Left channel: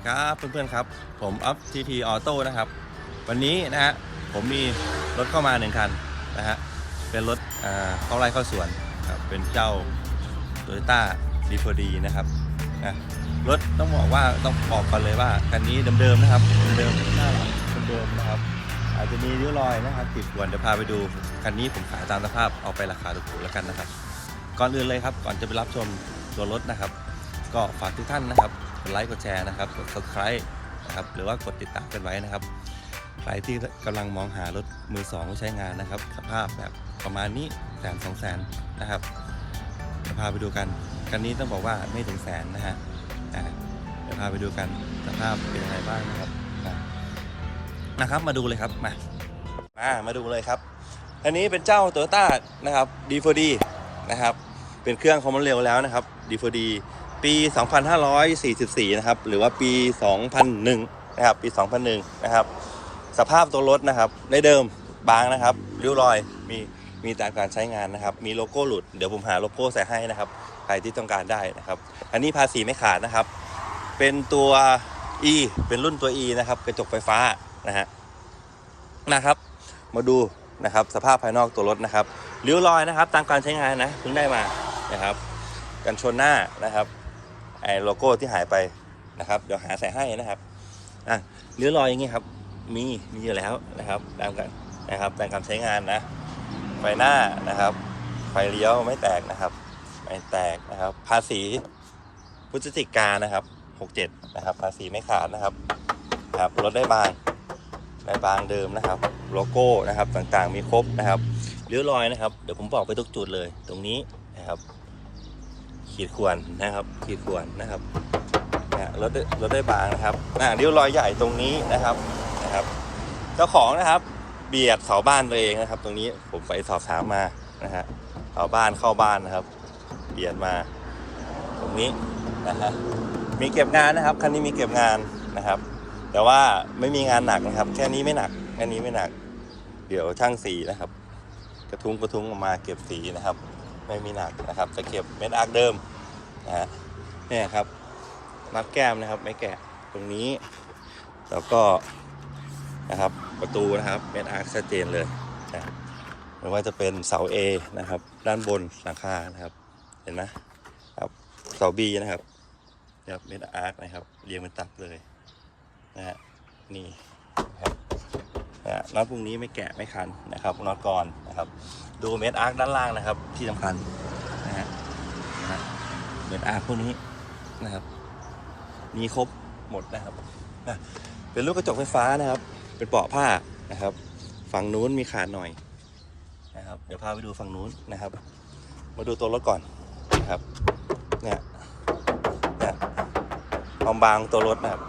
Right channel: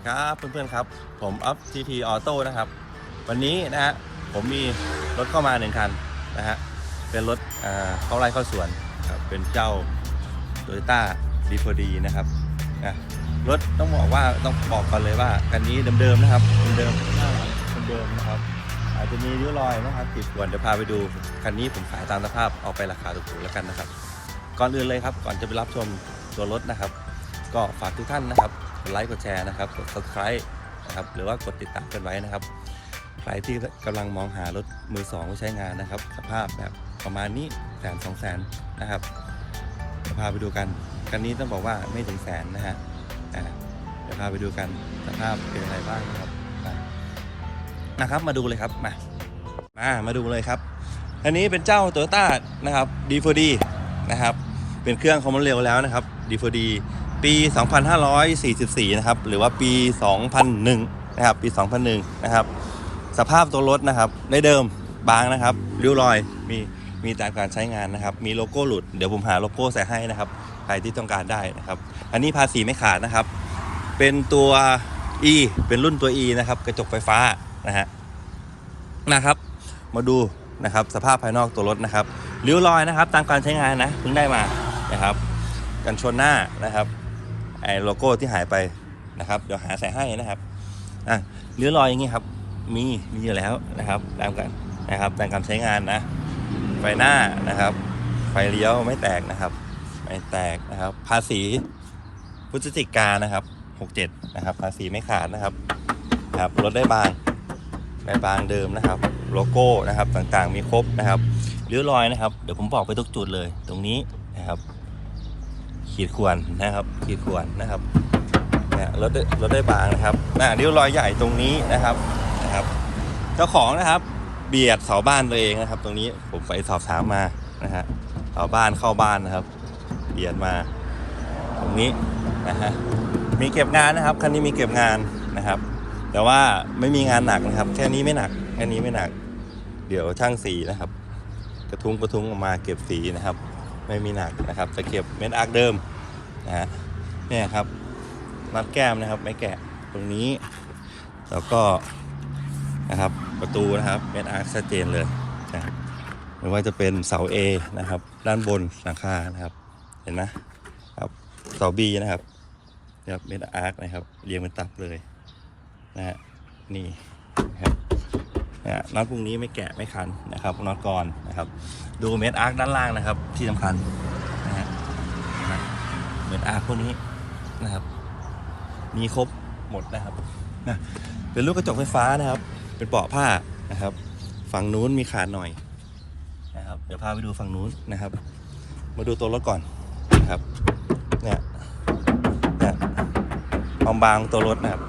ดีครับเพื่อนๆครับ ผมอัพทีพีออโต้นะครับ วันนี้นะฮะผมมีรถเข้ามาหนึ่งคันนะฮะเป็นรถเออเข้าไร่เข้าสวนครับเป็นเจ้า t o y ยต้าดีพอดีนะครับนะรถต้องบอกว่าต้องบอกก่อนเลยว่าคันนี้เดิมๆนะครับเดิมๆหน้าหลังเดิมๆนะครับ อาจจะมีริ้วรอยนะครับติดกวนเดี๋ยวพาไปดูคันนี้ผมขายตามสภาพเอาไปราคาถูกๆแล้วกันนะครับ ก่อนอื่นเลยครับก่อนจะไปรับชมตัวรถนะครับ ก็ฝากทุกท่านนะครับ กดไลค์กดแชร์นะครับกด subscribe นะครับหรือว่ากดติดตามกันไว้นะครับ ใครที่กำลังมองหารถมือสองใช้งานนะครับ สภาพแบบประมาณนี้แสนสองแสนนะครับจะพาไปดูกันคันนี้ต้องบอกว่าไม่ถึงแสนนะฮะเดี๋ยวพาไปดูกันสภาพเป็นอะไรบ้างนะครับนะครับมาดูเลยครับมามามาดูเลยครับ อันนี้เป็นเจ้า Toyota นะครับ D4D นะครับ เป็นเครื่องคอมมอนเร็วแล้วนะครับ D4D ปี 2544 นะครับ หรือว่าปี 2001 นะครับ ปี 2001 นะครับ สภาพตัวรถนะครับ ในเดิมบางนะครับริ้วรอย มี มีตามการใช้งานนะครับ มีโลโก้หลุด เดี๋ยวผมหาโลโก้ใส่ให้นะครับ ใครที่ต้องการได้นะครับ อันนี้ภาษีไม่ขาดนะครับ เป็นตัว E เป็นรุ่นตัว E นะครับ กระจกไฟฟ้านะฮะ นะครับ มาดูนะครับ สภาพภายนอกตัวรถนะครับริ้วรอยนะครับ ตามการใช้งานนะ เพิ่งได้มานะครับกันชนหน้านะครับ ไอ้โลโก้ที่หายไปนะครับเดี๋ยวหาใส่ให้นะครับอะริ้วรอยอย่างงี้ครับ มีมีอยู่แล้วนะครับตามกันนะครับตามการใช้งานนะไฟหน้านะครับไฟเลี้ยวไม่แตกนะครับ ไม่แตกนะครับ ภาษีพฤศจิกานะครับ67นะครับ ภาษีไม่ขาดนะครับครับรถได้บางได้บางเดิมนะครับ โลโก้นะครับต่างๆมีครบนะครับริ้วรอยนะครับ เดี๋ยวผมบอกไปทุกจุดเลยตรงนี้นะครับ ขีดข่วนนะครับ ขีดข่วนนะครับเนี่ยรถรถได้บางนะครับอ่าริ้วรอยใหญ่ตรงนี้นะครับนะครับ เจ้าของนะครับ เบียดเสาบ้านตัวเองนะครับ ตรงนี้ผมไปสอบถามมานะฮะเสาบ้านเข้าบ้านนะครับ เบียดมา ตรงนี้นะฮะมีเก็บงานนะครับคันนี้มีเก็บงานนะครับ แต่ว่าไม่มีงานหนักนะครับ แค่นี้ไม่หนักแค่นี้ไม่หนัก เดี๋ยวช่างสีนะครับ กระทุ้งกระทุ้งออกมาเก็บสีนะครับ ไม่มีหนักนะครับจะเก็บเม็ดอาร์คเดิม นะฮะเนี่ยครับมัดแก้มนะครับ ไม่แกะตรงนี้ แล้วก็นะครับประตูนะครับเม็ดอาร์คชัดเจนเลยนะไม่ว่าจะเป็นเสา A นะครับ ด้านบนหลังคานะครับ เห็นไหมครับเสา B นะครับนะครับเม็ดอาร์คนะครับเรียงเป็นตับเลยนะฮะนี่นะครับเนี่ยน็อตพวกนี้ไม่แกะไม่คันนะครับน็อตกรนะครับ ดูเม็ดอาร์คด้านล่างนะครับที่สำคัญนะฮะ นะเม็ดอาร์พวกนี้นะครับ มีครบหมดนะครับนะเป็นลูกกระจกไฟฟ้านะครับ เป็นเบาะผ้านะครับ ฝั่งนู้นมีขาดหน่อยนะครับ เดี๋ยวพาไปดูฝั่งนู้นนะครับ มาดูตัวรถก่อนนะครับเนี่ยเนี่ยความบางตัวรถนะครับ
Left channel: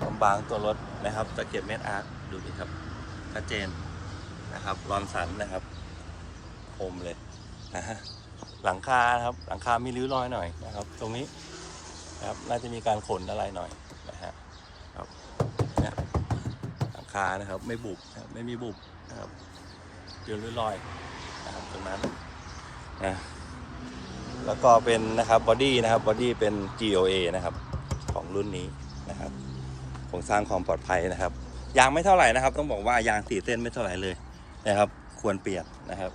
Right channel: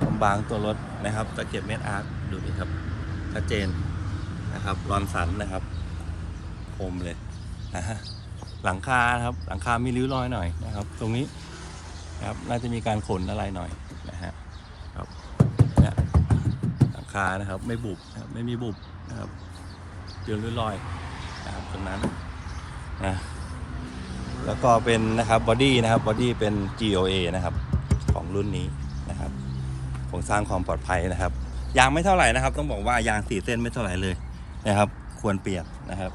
ความบางตัวรถนะครับจะเก็บเม็ดอาร์คดูนี่ครับชัดเจนนะครับรอนสันนะครับคมเลยนะฮะ หลังคาครับหลังคามีริ้วรอยหน่อยนะครับ ตรงนี้นะครับน่าจะมีการขนอะไรหน่อยนะฮะครับเนี่ยหลังคานะครับไม่บุบนะครับไม่มีบุบนะครับเดือนริ้วรอยนะครับตรงนั้นนะแล้วก็เป็นนะครับบอดี้นะครับบอดี้เป็น GOA นะครับของรุ่นนี้นะครับโครงสร้างความปลอดภัยนะครับ ยางไม่เท่าไหร่นะครับ ต้องบอกว่ายางสี่เส้นไม่เท่าไหร่เลยนะครับ ควรเปลี่ยนนะครับ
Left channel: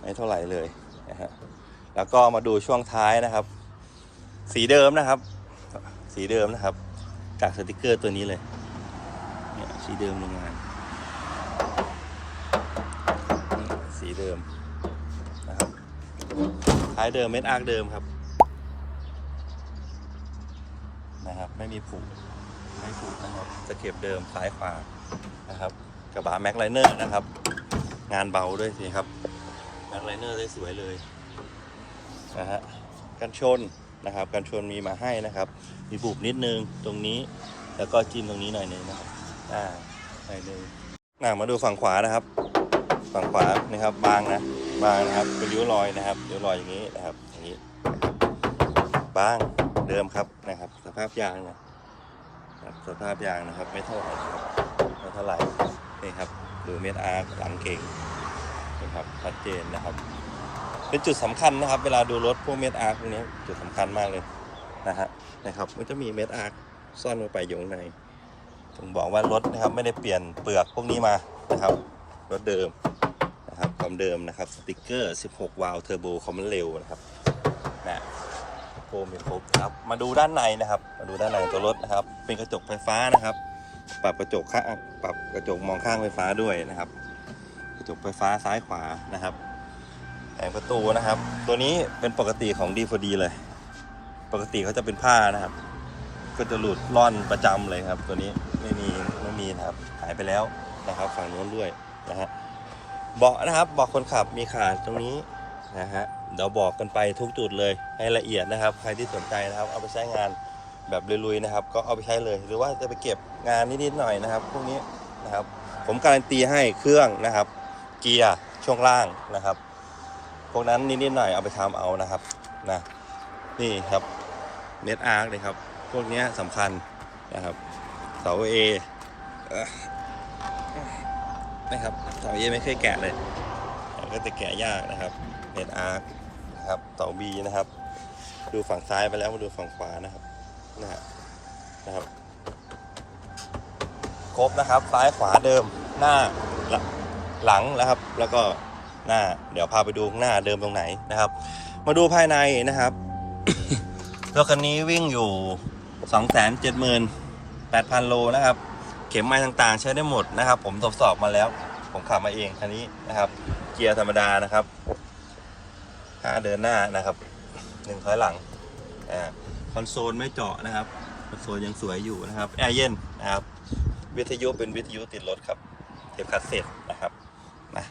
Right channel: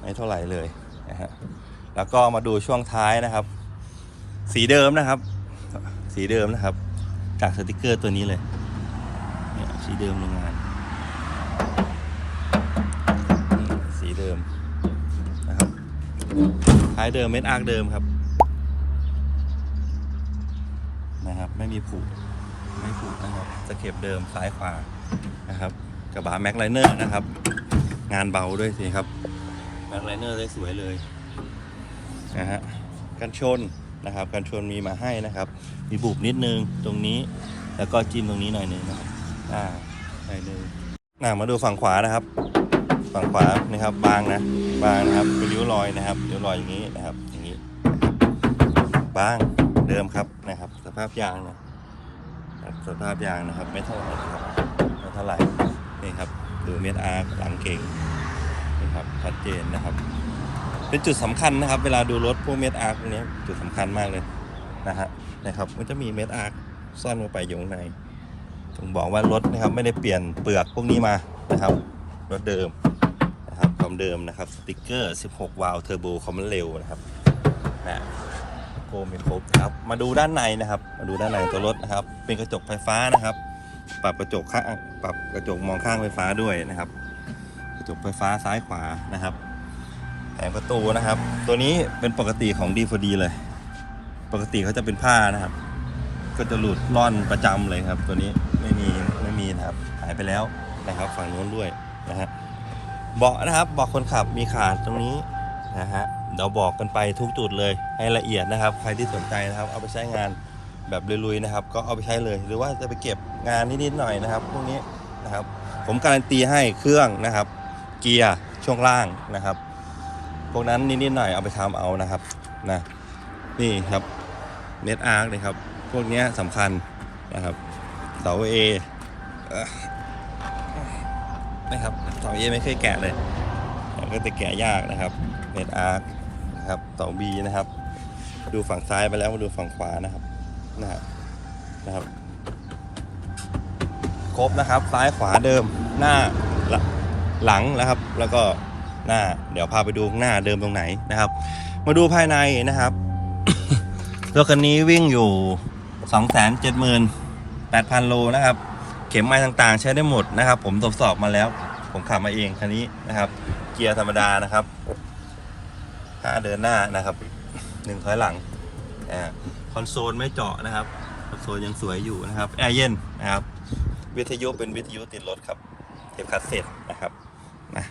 ไม่เท่าไหร่เลย นะฮะแล้วก็มาดูช่วงท้ายนะครับ สีเดิมนะครับ สีเดิมนะครับจากสติกเกอร์ตัวนี้เลยเนี่ยสีเดิมโรงงานสีเดิมนะครับท้ายเดิมเม็ดอาร์คเดิมครับนะครับ ไม่มีผุไม่ผุนะครับสเก็บเดิมซ้ายขวานะครับกระบะแม็กไลเนอร์นะครับ งานเบาด้วยสิครับ แบ็คไลเนอร์ได้สวยเลยนะฮะกันชนนะครับกันชนมีมาให้นะครับ มีบุบนิดนึงตรงนี้ แล้วก็จิ้มตรงนี้หน่อยนึงนะครับอ่าหน่อยนึงอ่ามาดูฝั่งขวานะครับ ฝั่งขวานี่ครับ บางนะ บางนะครับเป็นริ้วรอยนะครับริ้วรอยอย่างนี้นะครับ อย่างนี้บางเดิมครับนะครับ สภาพยางนะสภาพยางนะครับ ไม่เท่าไหร่ครับไม่เท่าไหร่นี่ครับดูเม็ดอาร์หลังเก่ง นะครับชัดเจนนะครับ เป็นจุดสำคัญนะครับ เวลาดูรถพวกเม็ดอาร์พวกนี้จุดสำคัญมากเลยนะฮะนะครับมันจะมีเม็ดอาร์ซ่อนลงไปอยู่ข้างในผมบอกว่ารถนะครับไม่ได้เปลี่ยนเปลือกพวกนี้มานะครับรถเดิมนะครับคอมเดิมนะครับสติกเกอร์ 16 วาล์วเทอร์โบคอมมันเร็วนะครับนะโกมีครบครับมาดูด้านในนะครับ มาดูด้านในตัวรถนะครับ เป็นกระจกไฟฟ้านะครับ ปรับกระจกข้างปรับกระจกมองข้างไฟฟ้าด้วยนะครับ ระจกไฟฟ้าซ้ายขวานะครับแผงประตูนะครับ ตัวนี้เป็นปกติของ D4D เลย ปกติเขาจะเป็นผ้านะครับ ก็จะหลุดร่อนประจำเลยครับ ตัวนี้ไม่มีไม่มีนะครับหายไปแล้วนะครับ ฝั่งนู้นด้วยนะฮะเบาะนะครับเบาะคนขับมีขาดตรงนี้นะฮะเราบอกกันไปทุกจุดเลยให้ละเอียดนะครับ ใครที่สนใจนะครับ เอาไปใช้งานแบบลุยๆนะครับ ก็เอาไปใช้เลย หรือว่าจะไปเก็บงานนิดๆหน่อยนะครับ พวกนี้นะครับ ผมการันตีให้เครื่องนะครับ เกียร์ช่วงล่างนะครับ พวกนั้นนิดๆหน่อยเอาไปทำเอานะครับนะนี่ครับเน็ตอาร์คเลยครับพวกเนี้ยสำคัญนะครับเสาเอ่อนะครับเสา A ไม่เคยแกะเลย ก็จะแกะยากนะครับเน็ตอาร์คนะครับเสา B นะครับ ดูฝั่งซ้ายไปแล้วมาดูฝั่งขวานะครับนะฮะนะครับ ครบนะครับซ้ายขวาเดิมหน้า หลังหลังนะครับ แล้วก็หน้า เดี๋ยวพาไปดูข้างหน้าเดิมตรงไหนนะครับ มาดูภายในนะครับรถคันนี้วิ่งอยู่ 278,000 โลนะครับ เข็มไม้ต่างๆ ใช้ได้หมดนะครับ ผมทดสอบมาแล้ว ผมขับมาเองคันนี้นะครับ เกียร์ธรรมดานะครับห้าเดินหน้านะครับหนึ่งถอยหลังอ่าคอนโซลไม่เจาะนะครับคอนโซลยังสวยอยู่นะครับแอร์เย็นนะครับ วิทยุเป็นวิทยุติดรถครับ เทปคัสเซ็ตนะครับนะ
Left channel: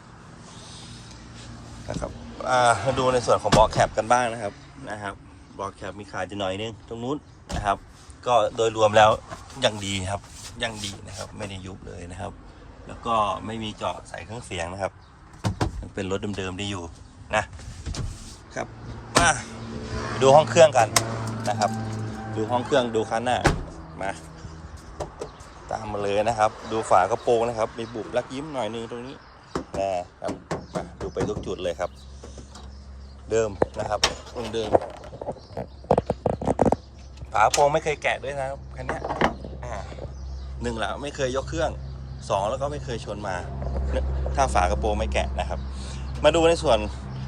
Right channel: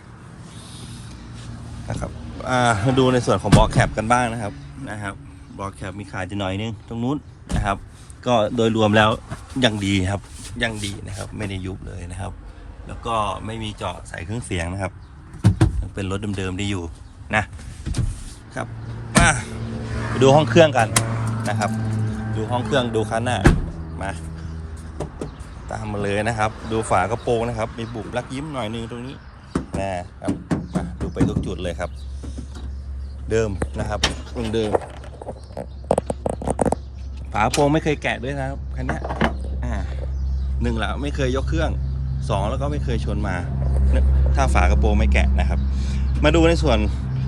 นะครับอ่า มาดูในส่วนของบล็อกแคปกันบ้างนะครับนะครับบล็อกแคปมีขาดจะหน่อยนึงตรงนู้นนะครับ ก็โดยรวมแล้วยังดีครับยังดีนะครับ ไม่ได้ยุบเลยนะครับ แล้วก็ไม่มีเจาะใส่เครื่องเสียงนะครับยังเป็นรถเดิมๆได้อยู่นะครับมาไปดูห้องเครื่องกันนะครับ ดูห้องเครื่องดูคันหน้ามาตามมาเลยนะครับ ดูฝากระโปรงนะครับ มีบุบลักยิ้มหน่อยนึงตรงนี้นะครับมาดูไปทุกจุดเลยครับ เดิมนะครับตรงเดิมฝากระโปรงไม่เคยแกะด้วยนะครับคันเนี้ยอ่าหนึ่งละไม่เคยยกเครื่องสองแล้วก็ไม่เคยชนมา ถ้าฝากระโปรงไม่แกะนะครับ มาดูในส่วน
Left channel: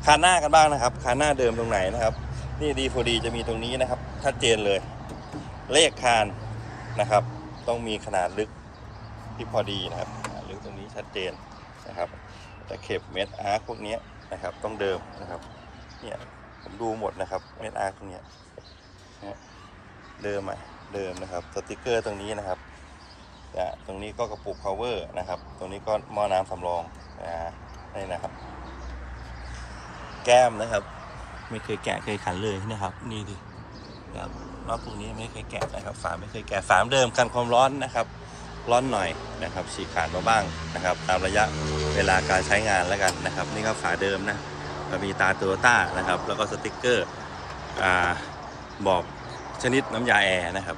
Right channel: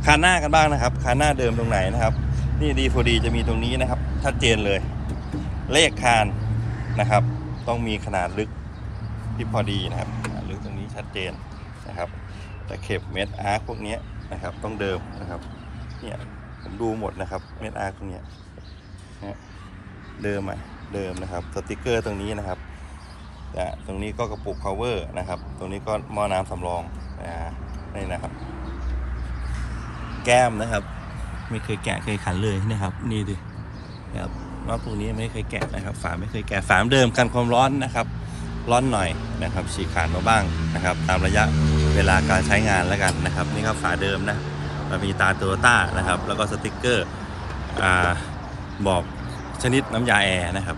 คานหน้ากันบ้างนะครับคานหน้าเดิมตรงไหนนะครับ นี่ดีพอดีจะมีตรงนี้นะครับชัดเจนเลย เลขคานนะครับ ต้องมีขนาดลึกที่พอดีนะครับขนาดลึกตรงนี้ชัดเจนนะครับแต่เข็บเม็ดอาร์คพวกเนี้ยนะครับ ต้องเดิมนะครับ เนี่ยผมดูหมดนะครับเม็ดอาร์ตรงเนี้ยนะเดิมอะเดิมนะครับสติกเกอร์ตรงนี้นะครับนะตรงนี้ก็กระปุก power นะครับ ตรงนี้ก็หม้อน้ำสำรองนะนี่นะครับ แก้มนะครับ ไม่เคยแกะเคยขันเลยนะครับ นี่ดินะครับว่าพวกนี้ไม่เคยแกะนะครับ ฝาไม่เคยแกะฝามเดิมกันความร้อนนะครับ ร้อนหน่อยนะครับฉีกขาดมาบ้างนะครับ ตามระยะเวลาการใช้งานแล้วกันนะครับ นี่ก็ฝาเดิมนะ มันมีตาโตโยต้านะครับ แล้วก็สติกเกอร์บอกชนิดน้ำยาแอร์นะครับ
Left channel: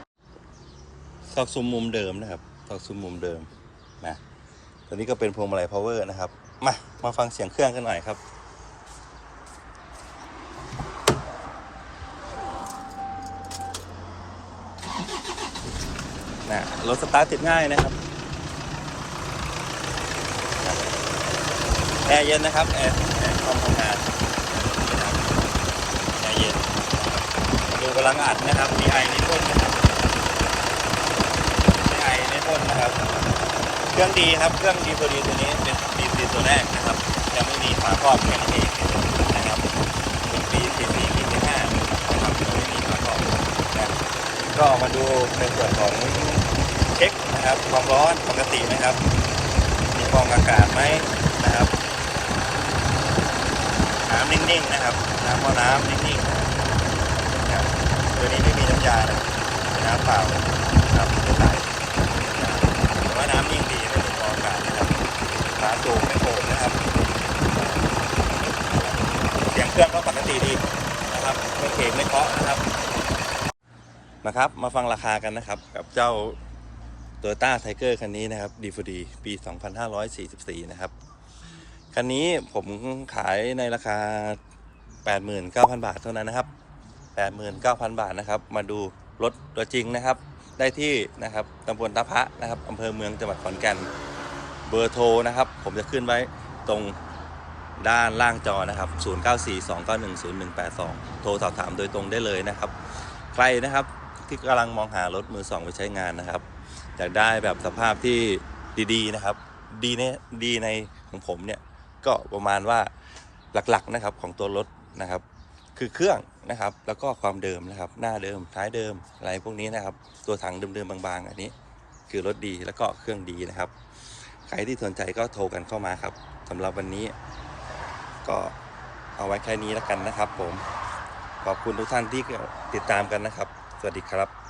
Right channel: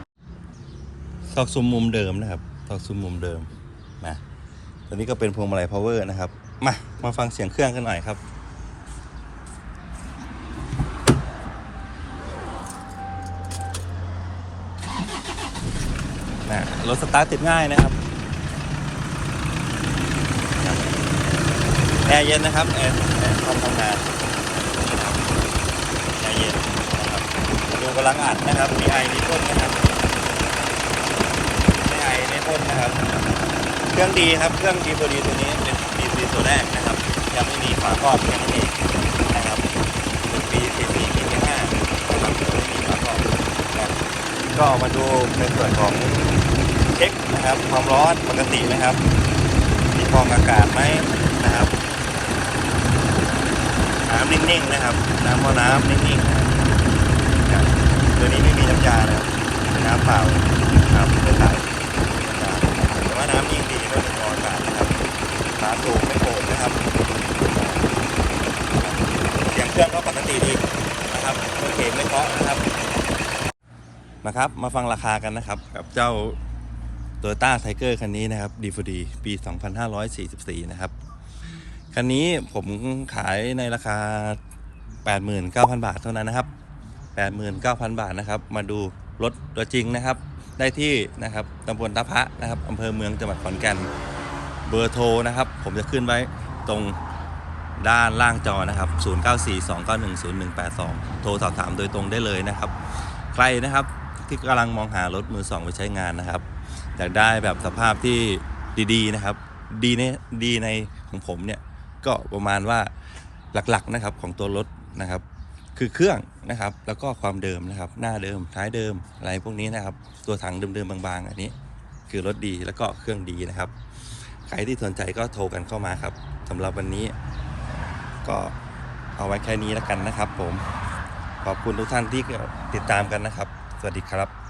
ซอกซุ้มมุมเดิมนะครับซอกซุ้มมุมเดิมนะตัวนี้ก็เป็นพวงมาลัย power นะครับ มา มาฟังเสียงเครื่องกันหน่อยครับนะรถสตาร์ทติดง่ายนะครับแอ ร์เย็นนะครับแอร์แอร์ทำงานแอร์เย็นยกกำลังอัดนะครับมีไอในต้นนะครับมีไอในต้นนะครับ เครื่องดีครับเครื่องดีตัวดีตัวนี้เป็นดีดีตัวแรกนะครับยังไม่มีฝาครอบแค่นั้นเองนะครับเป็นปีสี่สี่ปีที่ห้านะครับตัวไม่มีฝาครอบนะก็มาดูในส่วนของเช็คนะครับความร้อนปกติไหมครับมีฟองอากาศไหมนะครับ นิ่งๆนะครับ น้ำมอน้ำนิ่งๆนะครับตัวนี้ไม่มีน้ำยานะครับเป็นน้ำเปล่าครับเป็นสายน้ำแต่ว่าน้ำนิ่งดีไม่มีฟองอากาศนะครับฝาสูบไม่โป่นะครับอ่าครับเสียงเครื่องก็ปกติดีนะครับไม่เขกไม่เคาะนะครับนะครับ มาฟังราคากันนะครับ กับเจ้า Toyota Tiger คันนี้นะครับ D4D ปี 2544 นะครับ คันนี้ผมขายในราคา 89,000 บาทเท่านั้นนะครับ 89,000 บาทนะครับ มาดูรถตัวจริงนะครับ ได้ที่นะครับตำบลตะพะนะครับอำเภอเมืองจังหวัดขอนแก่น เบอร์โทรนะครับ ผมจะขึ้นไว้ตรงด้านล่างจอนะครับ 0942910182 โทรสอบถามโดยตรงได้เลยนะครับ ใครนะครับที่กำลังมองหารถมือสองไปใช้งานนะครับ อยากได้แบบสภาพที่ดีๆนะครับ ดีในดีในของผมเนี่ย ก็ประมาณว่าหลักๆนะครับของตัวรถนะครับ คือเครื่องนะครับ แล้วก็ความเดิมนะครับ หน้าเดิมท้ายเดิมอะไรพวกนี้นะครับ ตัวถังเดิมๆบางๆ อันนี้ คือรถดีแล้วก็เครื่องดีนะครับ ใครที่สนใจก็โทรกันเข้ามาครับสำหรับวันนี้ ก็เอาไว้แค่นี้แล้วกันนะครับ ผมขอบคุณทุกท่านที่ติดตามกันนะครับ สวัสดีครับ